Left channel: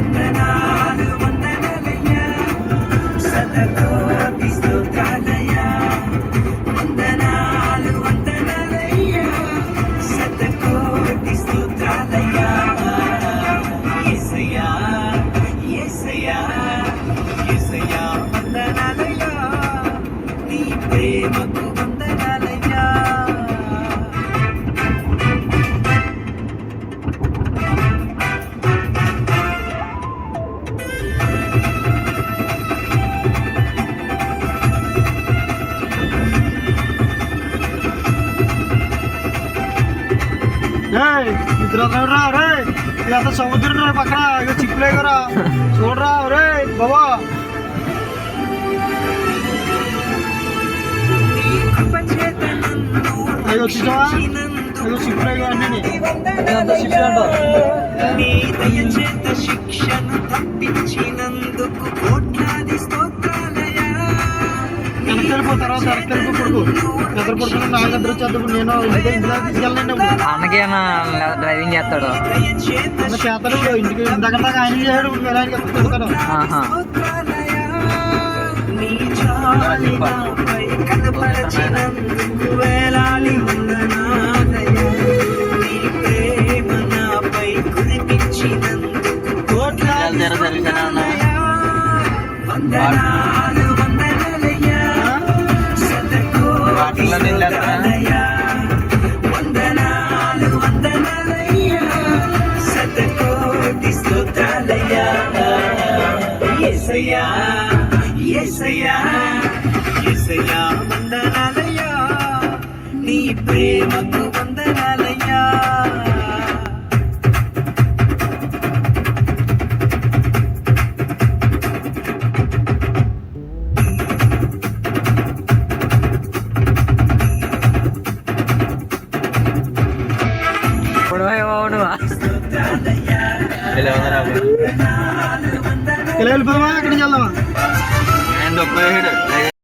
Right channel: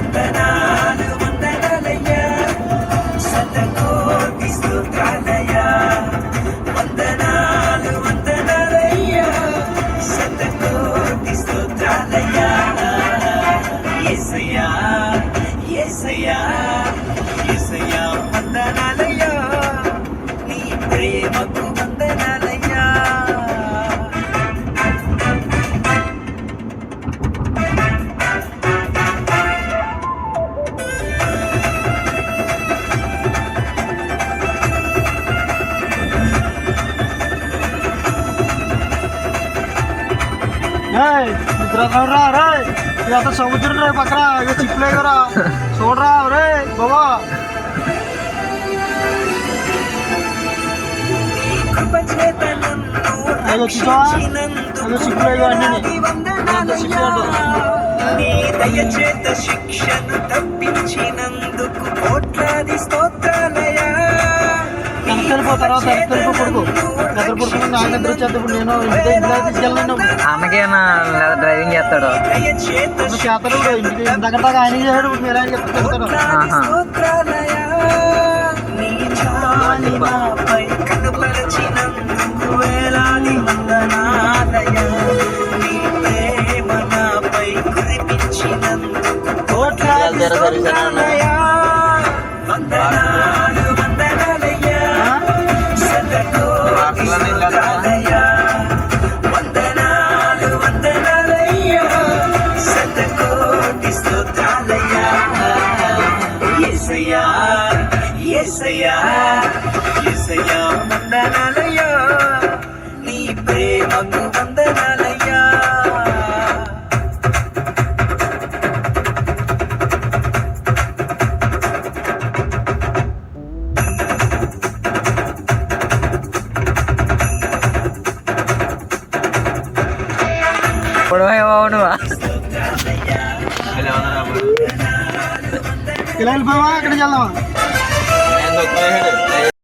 వందనాలు వందనాలయ్యా శతకోటి స్తుతులయ్యా వందనాలు వందనాలయ్యా శతకోటి స్తుతులయ్యా యేసయ్యా యేసయ్యా యేసయ్యా వందనాలయ్యా నీ ప్రేమకు వందనాలయ్యా. నిద్ర రా రే ఇదంతా సముద్రం రా పక్కన ఇక చిప్పులే కదా చూడరా రే బాబా అయ్యో చూసావా అయ్యో చిప్పులే అన్నీ నీ దయచేత శిక్షను తప్పించినందుకు కోట్లాది స్తోత్రాలయా. వెనకెళ్ళిపోతారా వెనకెళ్ళిపో కొడుకు దగ్గర పడుకుని నాకు నిద్ర వచ్చేటప్పుడు నేను ఇంటికి తీసుకెళ్ళండి అన్నకేనా డ్రైవింగ్ చేస్తాడు అన్న చేతలు ఇంటికి దగ్గర దాకా ఆయన చేశాడు ఇప్పుడు వేరే ఆయన చెప్తాడు. నీ చాలి నాపై కనపరచినందుకు వేలాది వందనాలయా. నీ ప్రేమ నాపై కురిపించినందుకు కోట్లాది స్తోత్రాలయా. వందనాలు వందనాలయ్యా శతకోటి స్తుతులయ్యా వందనాలు వందనాలయ్యా శతకోటి స్తుతులయ్యా. యేసయ్యా యేసయ్యా యేసయ్యా వందనాలయ్యా నీ ప్రేమకు వందనాలయ్యా. పొడవా నువ్వా ఇలా వెళ్ళిపోయావా అక్కడికి వెళ్దామా నేను